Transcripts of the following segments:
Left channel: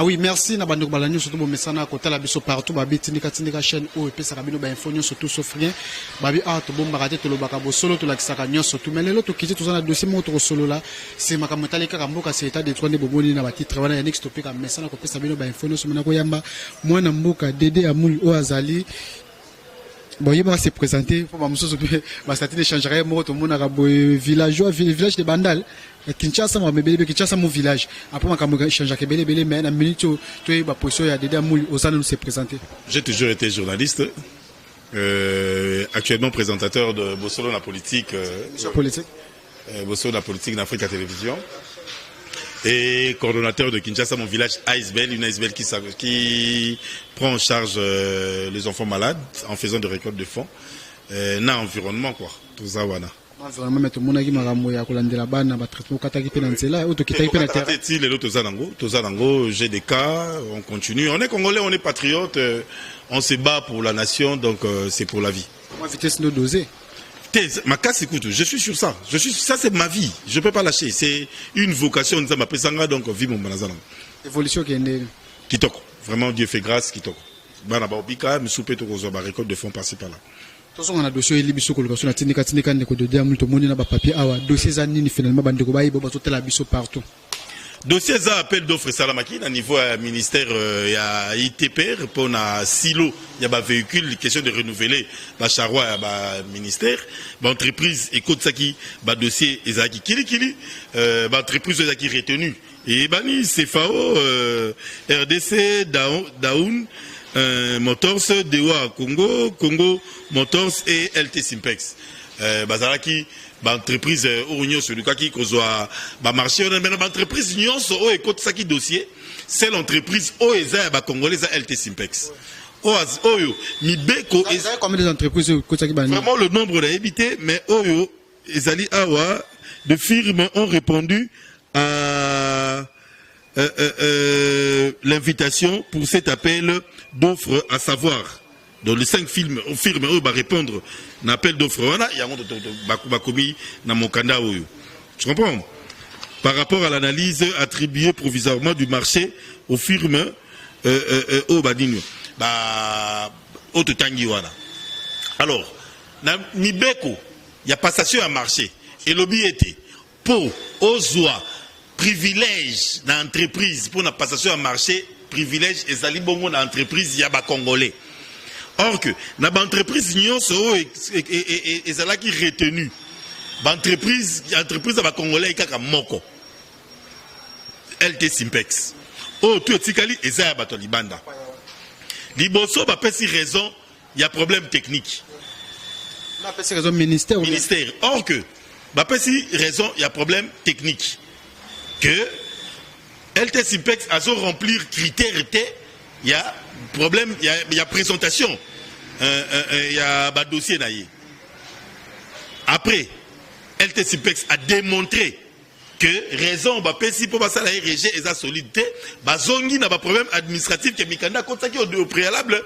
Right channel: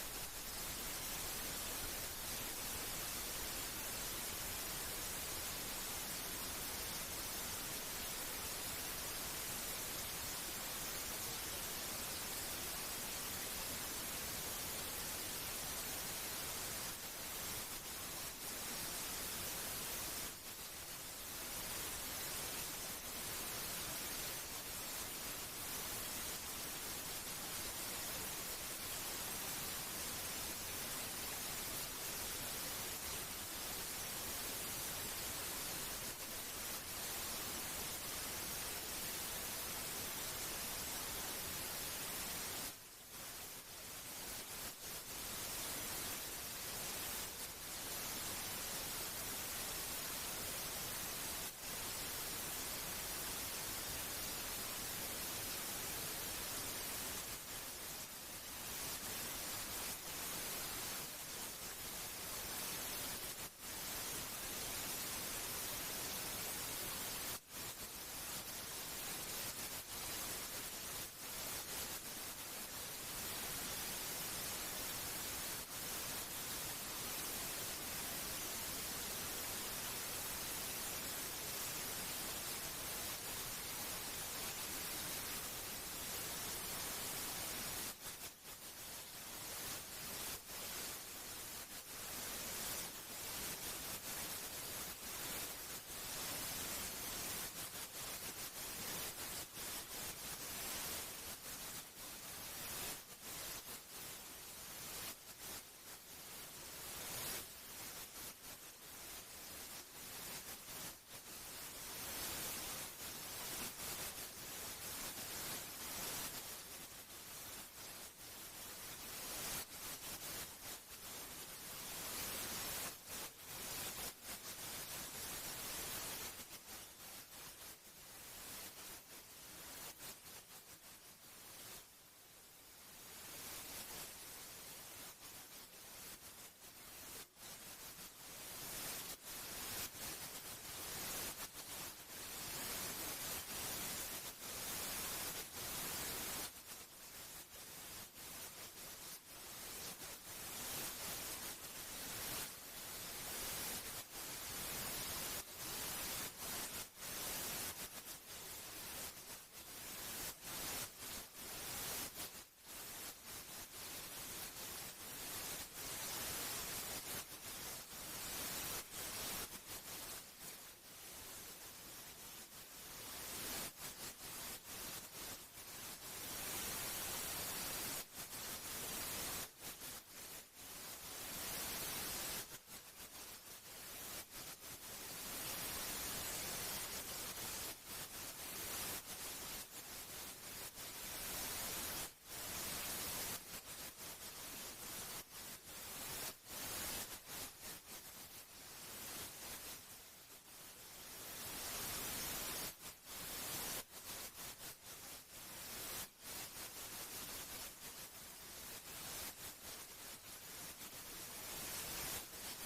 Ah oui, merci na bandeko balanyo surtout bomesana kota la biso partout babi tindika chaîne o et pesa kabino ba info nyonso tout sauf rien babi to bomba kate to lobaka bo solo to la kisaka nyonso tout melelo to kiti to zana dossier mo to solo la c'est makamotali ka mboka c'est état de trois ne bomoni na ba titre wana ya next topic ka mesana ko pesa bino ba info nyonso mona ko yamba mwana mboka Dédé Amuli o azali bon il va se présenter pour ba musoso ba statut d'échangerait mo to mona ka villageois village de Bandal Kinshasa mo bebele Kinshasa mon village après makambo échange ke bele mais na minute to ba position ya Dédé Amuli osana nous se présenter. J'ai toujours été journaliste, actuellement présentateur de Bossolo la politique, Bossolo la politique d'Afrique à télévision et coordonnateur de Kinshasa mon village ASBL, une ASBL qui prend en charge les enfants malades en faisant des récoltes de fonds na environnement quoi tout ça wana. Vraiment mettre mon agi makambo ya kolandela bana ba traitement kataki pe na nzela auto kitaki pe na terre. Les lots tozanango, j'ai des cas, on continue. On est congolais, on est patriote, on se bat pour la nation donc c'est pour la vie. Moi vitesse no doser. Ma casse écoute, je suis sur ça. Ça c'est ma vie, je peux pas lâcher, c'est une vocation nous m'appelle sanga donc vie mon banazana. Évolution qui est kitoko. Vraiment Dieu fait grâce kitoko. Bana ba obika me souper to ko ba récolte de fonds par-ci par là. On a dossier libiso colocation na tindika ndeko de Dédé Amuli to moni na ba papier awa dossier za nini finalement bandeko ba yibo ba to tela biso partout. Dossier za appel d'offre salamaki na niveau ministère ya ITPR pour na silo ya ba véhicule question de renouveler ba charroi ya ba ministère ba entreprise écoute ça qui ba dossier ezaki kili ba entreprise ezaki retenu et bani CFAO RDC Daoun Motors Dewa Congo Motors et LT Simpex bazalaki ba entreprise ounyo sur qui kozwa ba marché on a ba entreprise nyonso o écoute ça qui dossier c'est l'entreprise o eza ba congolais LT Simpex oyo mibeko combien d'entreprises vraiment le nombre est évité mais oyo ezali awa de firmes ont répondu à l'invitation pour cet appel d'offres, à savoir dans les 5 firmes où va répondre à l'appel d'offres, il y a commis dans mon candidat. Tu comprends? Par rapport à l'analyse attribuée provisoirement du marché aux firmes au Badinho. Alors, dans Mibeko, il y a passation à marché. Et l'objet était pour Ozoa. Privilège dans l'entreprise pour la passation à marché, privilège et zali bongo dans l'entreprise yaba congolais. Or que dans l'entreprise nyonso et zala qui retenu. L'entreprise yaba congolais kaka moko. LT Simpex. Oh tu etikali ezaya bato libanda. Liboso ba pesi raison, il y a problème technique. La pesi raison ministère. Or que ba pesi raison, il y a problème technique. Que LT Simpex a remplir critères, il y a problème, il y a présentation, il y a un dossier naïe. Après, LT Simpex a démontré que raison bah si pour ça la RG et sa solidité, bah zongi n'a pas problème administratif que Mikanda compte qui au préalable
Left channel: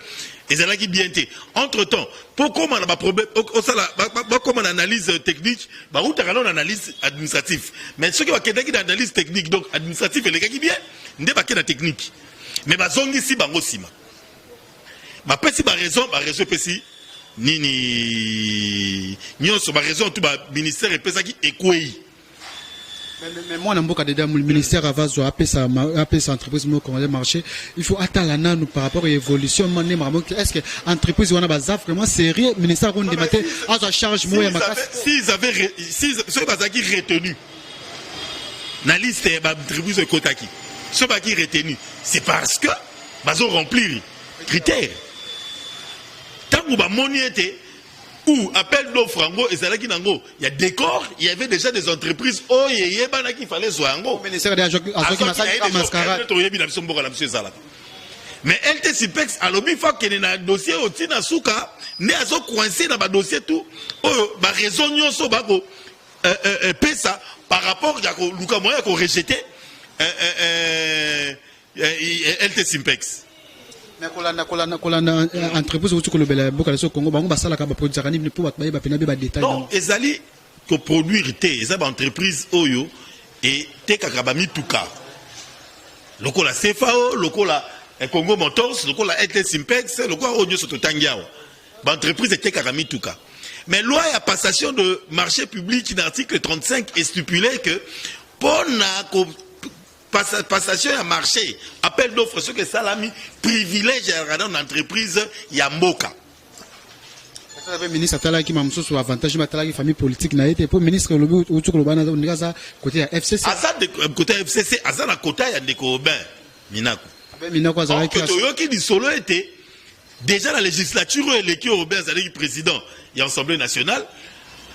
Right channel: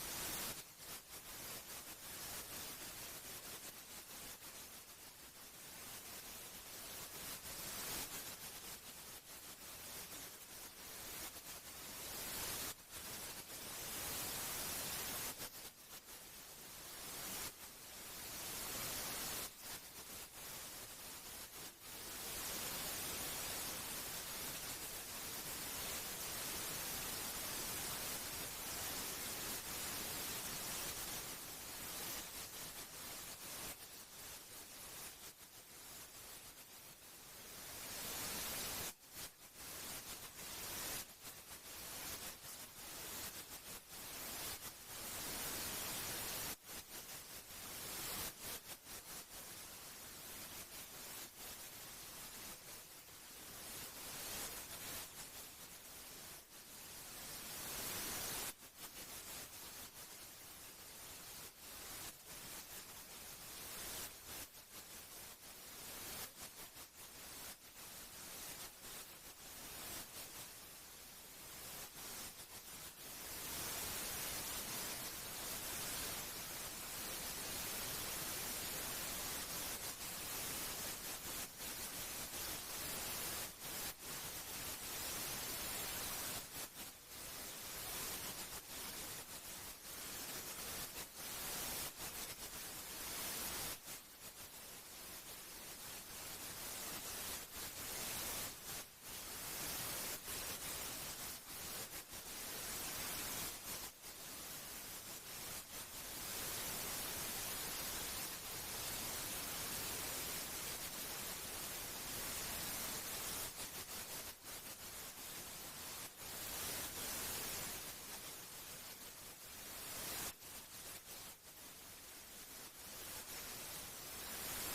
et ça là qui bien été. Entre temps, pourquoi on a pas problème, comme on analyse technique, bah où t'as une analyse administrative. Mais ce qui va quelqu'un qui analyse technique donc administratif et les gars qui bien, n'est pas que la technique. Mais bah zongi si bah sima. Bah si bah raison si ni sur ma raison tout bah ministère et pesa qui écoué. Mais moi, le ministère a sa entreprise marché. Il faut attendre par rapport à l'évolution. Est-ce que l'entreprise est vraiment sérieux? Le ministère a débattu à sa charge. S'ils avaient retenu la liste de l'entreprise de Kotaki, ceux qui retenu, c'est parce que ils ont rempli les critères. Tant que mon était ou appel d'offres en et c'est là qu'il y a décor, il y avait déjà des entreprises qui fallait soit en mais LT Simpex a l'objet fois qu'il y a un dossier au Tina Souka, mais à coincé dans le dossier tout, bah raison nyonso bako pesa par rapport à Luka Moya qu'on rejeté LT Simpex. Non, ezali ko produire té, ezaba entreprise oyo et té kakabami tuka. lokola CFAO, lokola Congo Motors, lokola LT Simpex, lokola Onyo Sototangiao. L'entreprise était karami tout cas. Mais loi à passation de marché public, l'article 35 est stipulé que pour la passation à marché, appel d'offres, ce que Salami privilège dans l'entreprise Yamboka. Le ministre Atala qui m'a mis sur avantage de famille politique n'a été pour ministre le côté FCC. À ça côté FCC, à ça la côté il y a des copains Minako. Minako ça qui dit solo était déjà la législature l'équipe européenne c'est le président et l'Assemblée nationale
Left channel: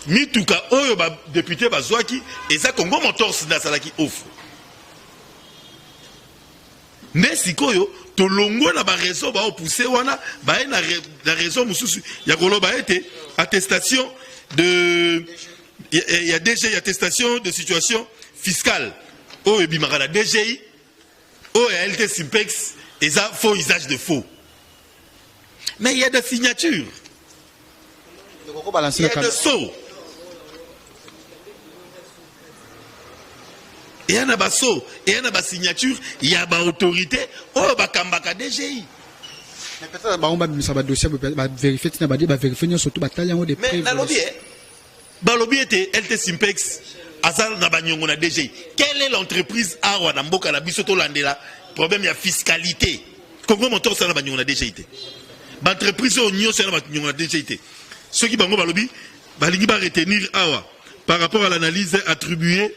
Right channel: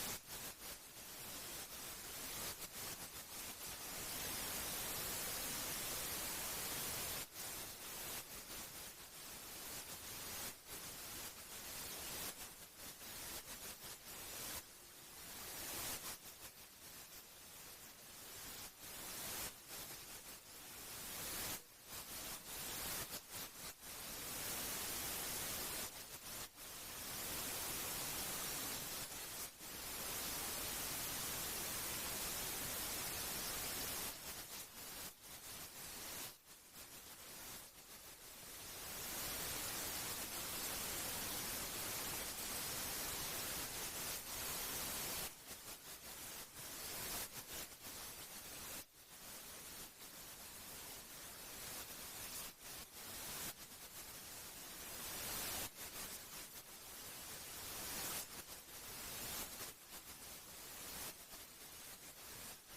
mituka oyo ba député bazwaki et ça Congo Motors na salaki offre. Mais sikoyo to longo na ba raison ba pousser wana ba na raison mususu ya koloba été attestation de il y a DGI attestation de situation fiscale o ebimaka na DGI o LT Simpex et ça faux usage de faux. Mais il y a des signatures. Il y a des sceaux. Il y a des sceaux, il y a des signatures, il y a des autorités. Oh, il y a des DGI. Mais peut-être que ça va dossier vérifier, vérifier surtout des preuves. Mais lobby était LT Simpex, Azal Nabanyongo na DGI. Quelle est l'entreprise Awa Namboka na Bisoto Landela? Problème il y a fiscalité. Congo Motors ça Nabanyongo na DGI. L'entreprise au Nyon c'est Nabanyongo na DGI. Ceux qui bango balobi, balingi ba retenir Awa par rapport à l'analyse attribuée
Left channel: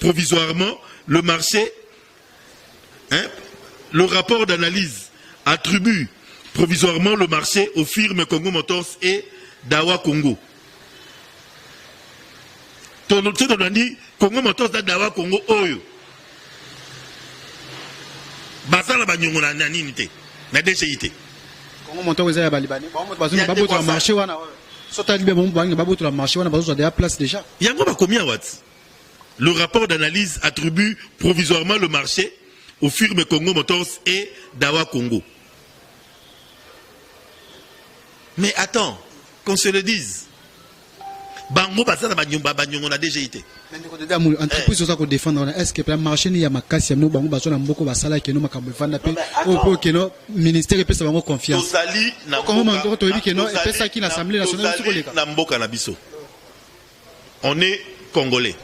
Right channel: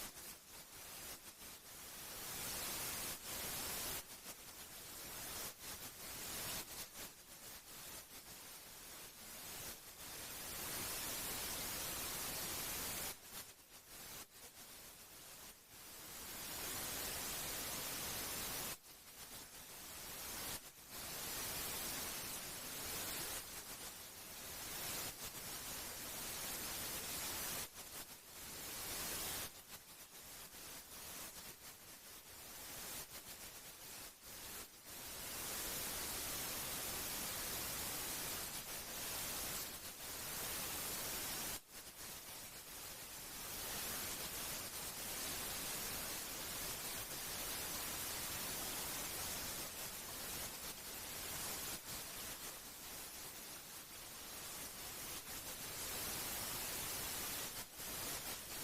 provisoirement le marché, hein, le rapport d'analyse attribue provisoirement le marché aux firmes Congo Motors et Dawa Congo. Tout le monde dit Congo Motors et Dawa Congo Oyo. Basala banyongo na naninité, na DGIT. Congo Motors et Balibani. Ba boto la marché wana. Sota libe bon ba boto la marché wana bazo déjà place déjà. Yango ba combien watts? Le rapport d'analyse attribue provisoirement le marché aux firmes Congo Motors et Dawa Congo. Mais attends, qu'on se le dise. Bango Basana Banyongo na DGIT. Entreprise ça qu'on défendre est-ce que le marché n'y a ma casse nous bango basona mboko basala que nous makambo vanda pe au que no ministère peut ça bango confiance. Comment on doit dire que non et peut ça qui l'Assemblée nationale sur les cas. Na mboka na biso. On est congolais.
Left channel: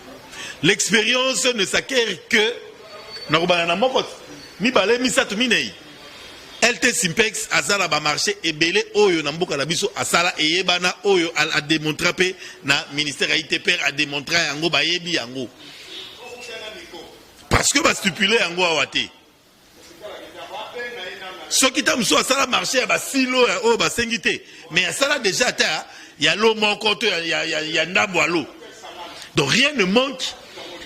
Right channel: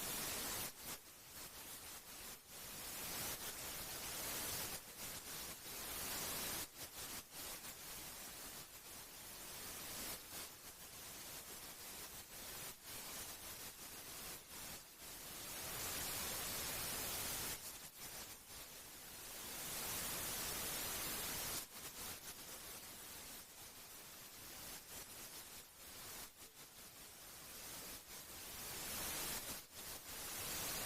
L'expérience ne s'acquiert que na moko mi balé mi satu minei. LT Simpex azala ba marché et belé oyo na mboka na biso asala eyebana oyo a démontré pe na ministère ITPR a démontré yango ba yebi yango. Parce que ba stipulé yango awate. Ce qui tam so asala marché ba silo o ba sengité mais asala déjà ta il y a l'eau moko il y a ndambo à l'eau. Donc rien ne manque.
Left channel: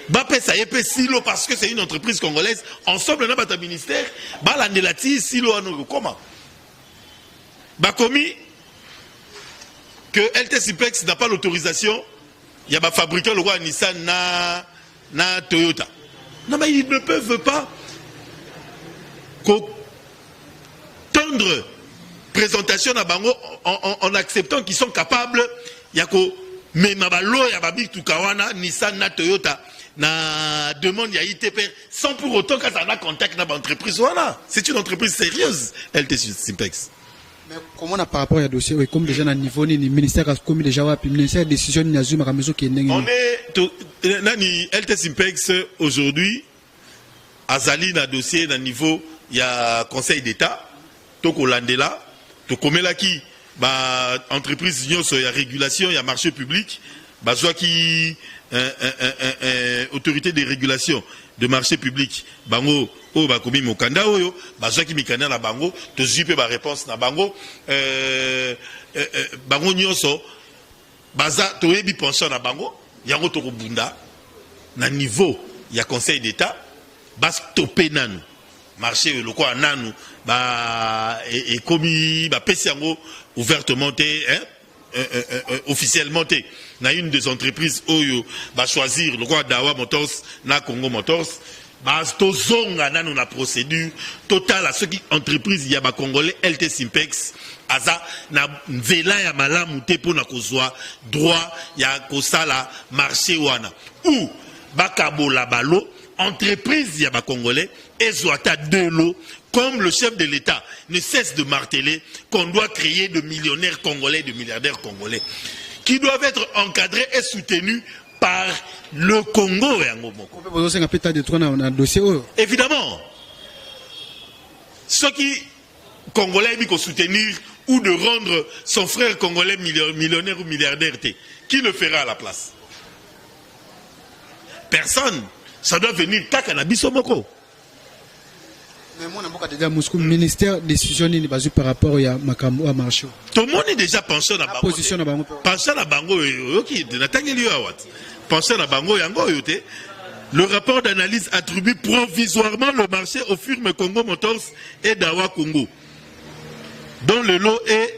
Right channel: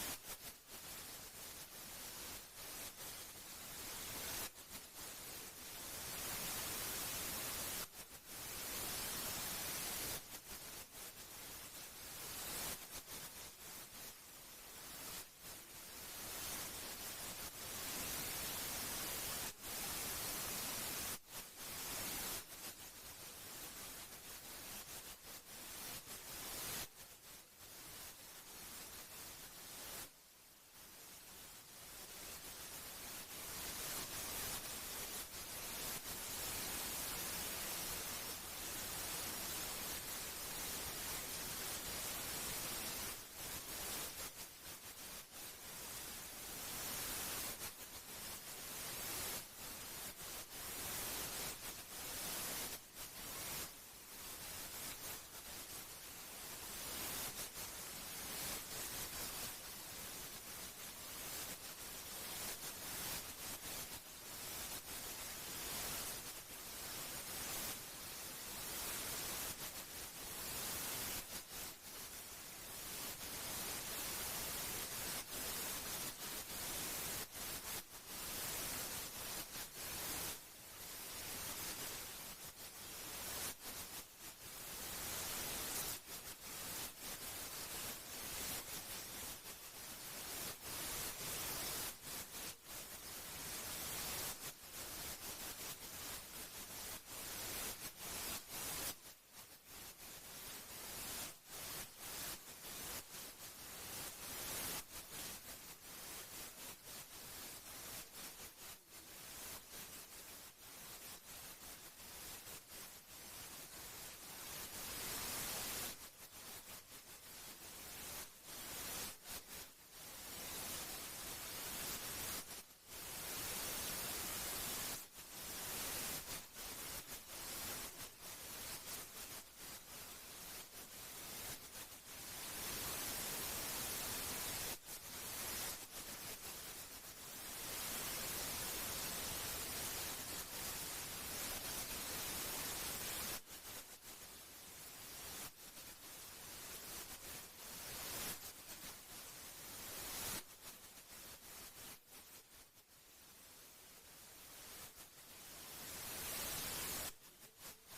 Bapé ça y est silo parce que c'est une entreprise congolaise. Ensemble, on a un ministère. Balandelati silo anou comment? Bakomi que LT Simplex n'a pas l'autorisation. Il y a un fabricant le roi Nissan na Toyota. Non mais ils ne peuvent pas tendre présentation à Bango en acceptant qu'ils sont capables. Il y a que mais mabalo ya babi tukawana Nissan na Toyota. Na demande à ITPR sans pour autant que ça a contact avec l'entreprise. Voilà, c'est une entreprise sérieuse, LT Simpex. Mais comment on a par rapport à dossier, comme déjà à niveau ni ministère a commis déjà le ministère décision ni azuma à mesure qui est on est nani LT Simpex aujourd'hui azali na dossier na niveau il y a Conseil d'État to kolandela to komela ki ba entreprise nyonso ya régulation ya marché public ba zwa ki autorité de régulation de marché public bango o bakomi mokanda oyo bazwaki mikanda na bango to zipe ba réponse na bango bango nyonso baza toyebi pension na bango yango to kobunda na niveau ya Conseil d'État bas topé nanu marché le quoi nanu ba et komi ba pesi yango ouvertement officiellement na une des entreprises oyo va choisir le roi Dawa Motors na Congo Motors ba to zonga nanu na procédure totale à ceux qui entreprise ya ba congolais LT Simpex aza na nzela ya malamu te pona kozwa droit ya kosala marché wana ou bakabola balo entreprise ya ba Congolais ezwata de l'eau, comme le chef de l'État ne cesse de marteler qu'on doit créer de millionnaires congolais, de milliardaires congolais, qui doivent être encadrés et soutenus par le Congo. Évidemment, ceux qui Congolais aiment soutenir ou de rendre son frère congolais millionnaire ou milliardaire, qui le fera à la place? Personne. Ça doit venir Kakanabiso-Moko. Mais moi, je ministère décision par rapport à marché. Tout le monde est déjà penché dans la position. Penché dans la bango, penché dans la bango, le rapport d'analyse attribue provisoirement le marché aux firmes Congo Motors et Dawa Congo. Dont le lot est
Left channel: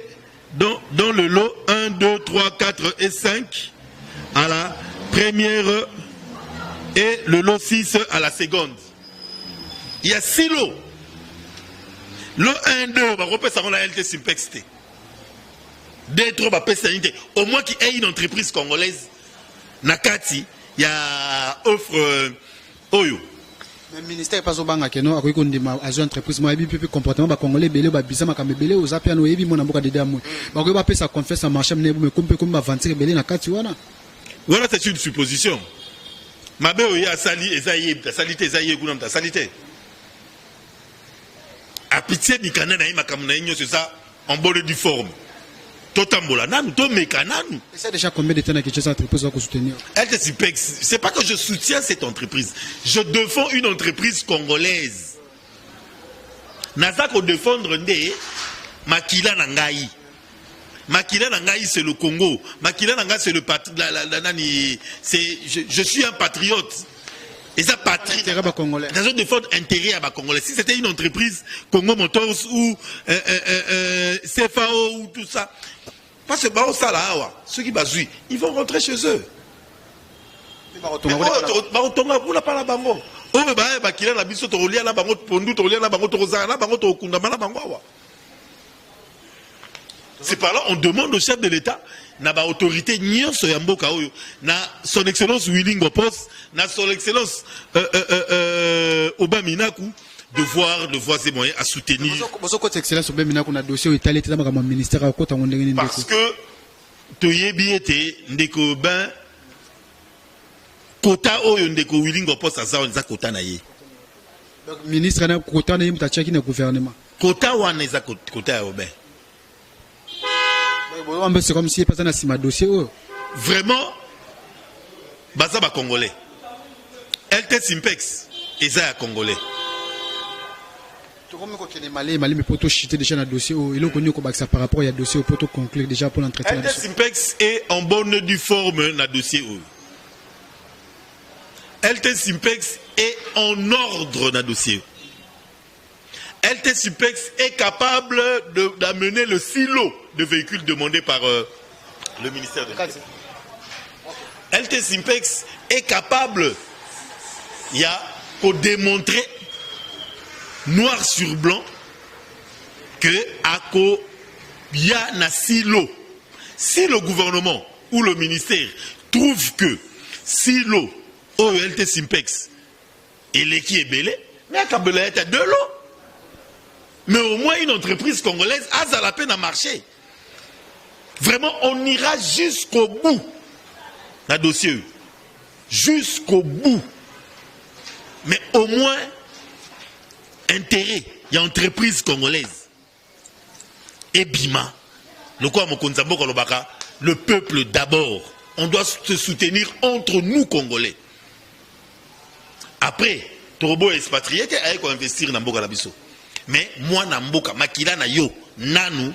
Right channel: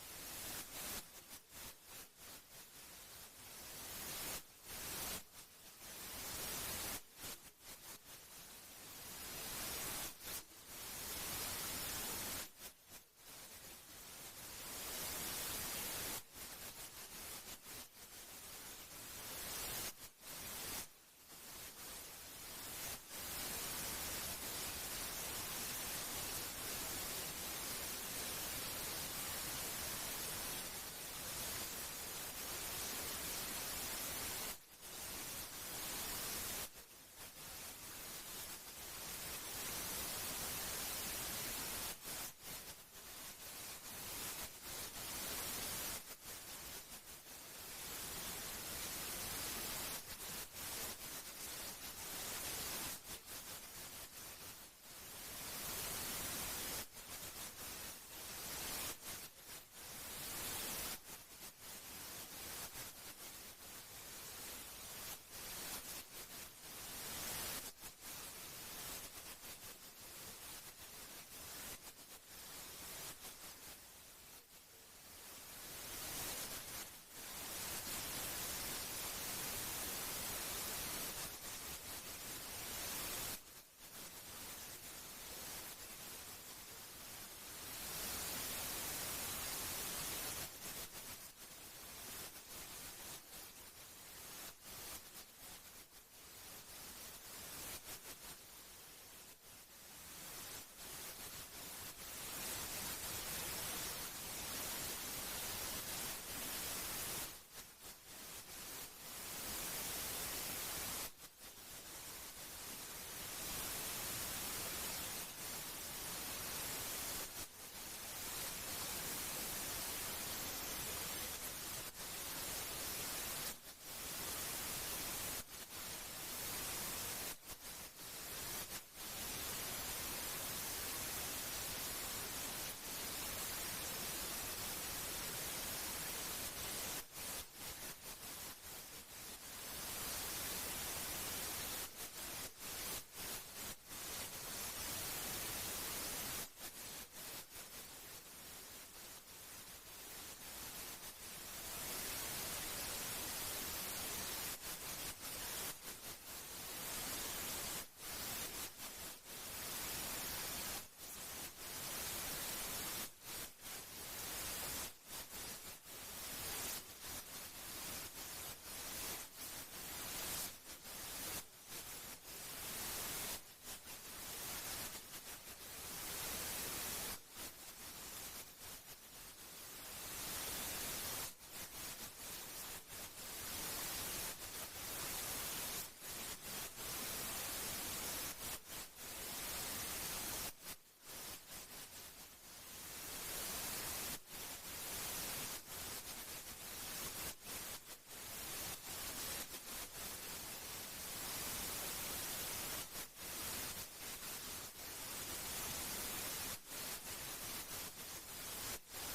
dans le lot 1, 2, 3, 4 et 5 à la première et le lot 6 à la seconde. Il y a 6 lots. Le 1, 2, on va repasser ça la LT Simpex. 2, 3, on va passer ça. Au moins qu'il y ait une entreprise congolaise, Nakati, il y a offre Oyo. Le ministère pas au banga keno akoki kondima azo entreprise mo ebi pipi comportement ba congolais belé ba bisama kambe belé aux apiano ebi mona mboka dede amu ba ko ba pesa confesse marché mne me kompe comme ba vendre belé na kati wana. Voilà, c'est une supposition. Mabe oya sali ezaye ta salité ezaye kuna ta salité. A pitié mikana na makamuna inyo c'est ça en bonne du forme. Totambola nanu to mekananu. C'est déjà combien de temps que cette entreprise va soutenir? C'est pas que je soutiens cette entreprise. Je défends une entreprise congolaise. Nazako défendre ndé Makila Nangaï. Makila Nangaï c'est le Congo. Makila Nangaï c'est le je suis un patriote. Et ça patrie. Dans une défendre intérêt à Congolais. Si c'était une entreprise Congo Motors ou CFAO ou tout ça. Parce que ceux qui basent, ils vont rentrer chez eux. C'est par là on demande au chef de l'État, na ba autorité nyonso ya mboka oyo, na son excellence Willing Opos, na son excellence Obaminaku, de voir ses moyens à soutenir. Parce que toyebi ete ndeko ben kota oyo ndeko Willing Opos aza nza kota na ye. Ministre na kota na ye mutachaki na gouvernement. Kota wana eza kota ya Oben. C'est comme si pas un dossier. Vraiment, baza ba Congolais. LT Simpex, eza Congolais. Mali mais poto chiter déjà dans dossier il est connu comme ça par rapport à dossier au poto conclure déjà pour l'entretien. LT Simpex est en bonne due forme dans dossier. LT Simpex est en ordre dans dossier. LT Simpex est capable d'amener le silo de véhicules demandés par le ministère de l'État. LT Simpex est capable, il y a pour démontrer noir sur blanc que il y a un silo. Si le gouvernement ou le ministère trouve que silo au LT Simpex et l'équipe est belé, mais à Kabela est à de l'eau. Mais au moins une entreprise congolaise a la peine à marcher. Vraiment, on ira jusqu'au bout dans le dossier. Jusqu'au bout. Mais au moins, intérêt, il y a une entreprise congolaise. Et Bima, le peuple d'abord. On doit se soutenir entre nous, Congolais. Après, Torobo est expatrié, il faut investir dans Mboka Labiso. Mais moi, na Mboka, Makila na yo, nanu,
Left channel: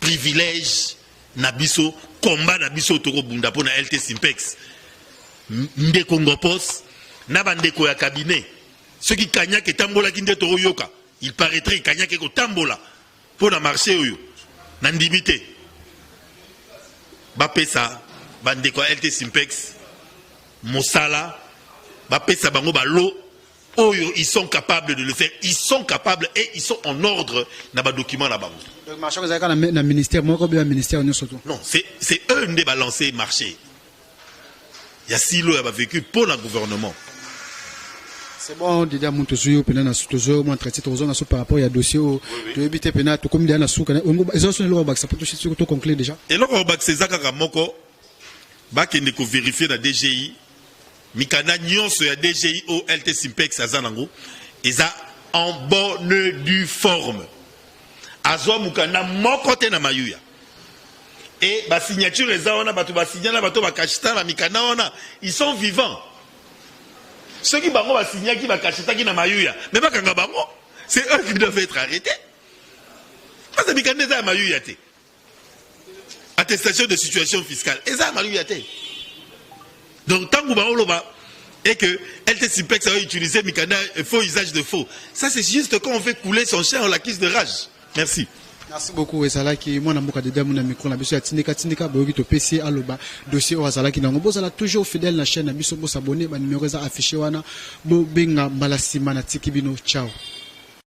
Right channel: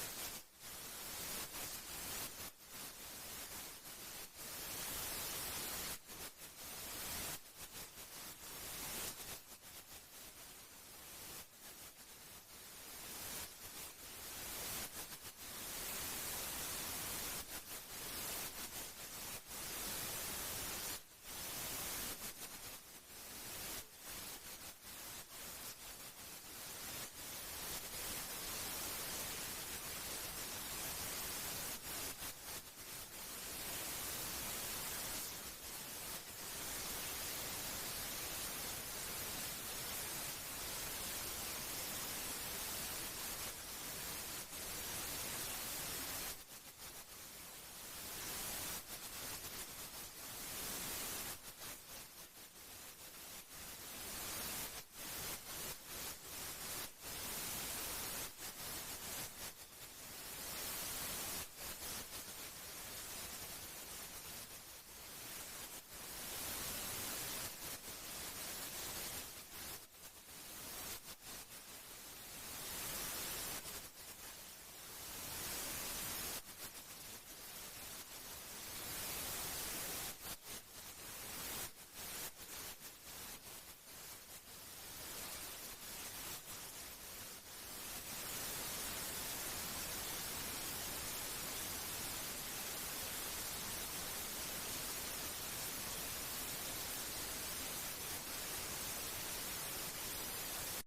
privilège, nabiso, combat nabiso, Toro Bunda, pour na LT Simpex. Ndeko Ngopos, nabandeko ya cabinet. Ceux qui kanyak et tambola qui ndé Toro Yoka, il paraîtrait kanyak et tambola, pour na marché oyo, nandimité. Bapesa, bandeko LT Simpex, Mosala, Bapesa bango balo, oyo, ils sont capables de le faire. Ils sont capables et ils sont en ordre dans les documents là-bas. Non, c'est eux qui balancent le marché. Il y a silo, il y a vécu pour le gouvernement. C'est bon, déjà, mon toujours, toujours, mon traité, toujours, par rapport à dossier, tu évites, tu comme des sous, ils ont sonné le bac, ça peut tout conclure déjà. Et là, on va c'est ça, Kakamoko, bah, qui n'est vérifier dans DGI, Mikana Nyonso, ya DGI, OLT Simpex, Azanango, ils ont en bonne due forme. Azwa Mukana, mon côté na Mayuya. Et la signature, ils sont vivants. Ceux qui vont signer qui va cacher qui na Mayuya, mais pas Kangabango, c'est eux qui doivent être arrêtés. Parce que Mikana na Mayuya te. Attestation de situation fiscale. Et ça Mayuya te. Donc tant que vous et que LTCPEX a utilisé Mikana faux usage de faux. Ça c'est juste quand on fait couler son chien en la cuisse de rage. Merci. Merci beaucoup. Et ça là qui moi na mboka de mon micro na biso ya tindika boyoki to PC aloba dossier o azala ki nango bozala toujours fidèle na chaîne na biso bo s'abonner ba numéro za affiché wana bo benga mbala sima na tiki bino ciao.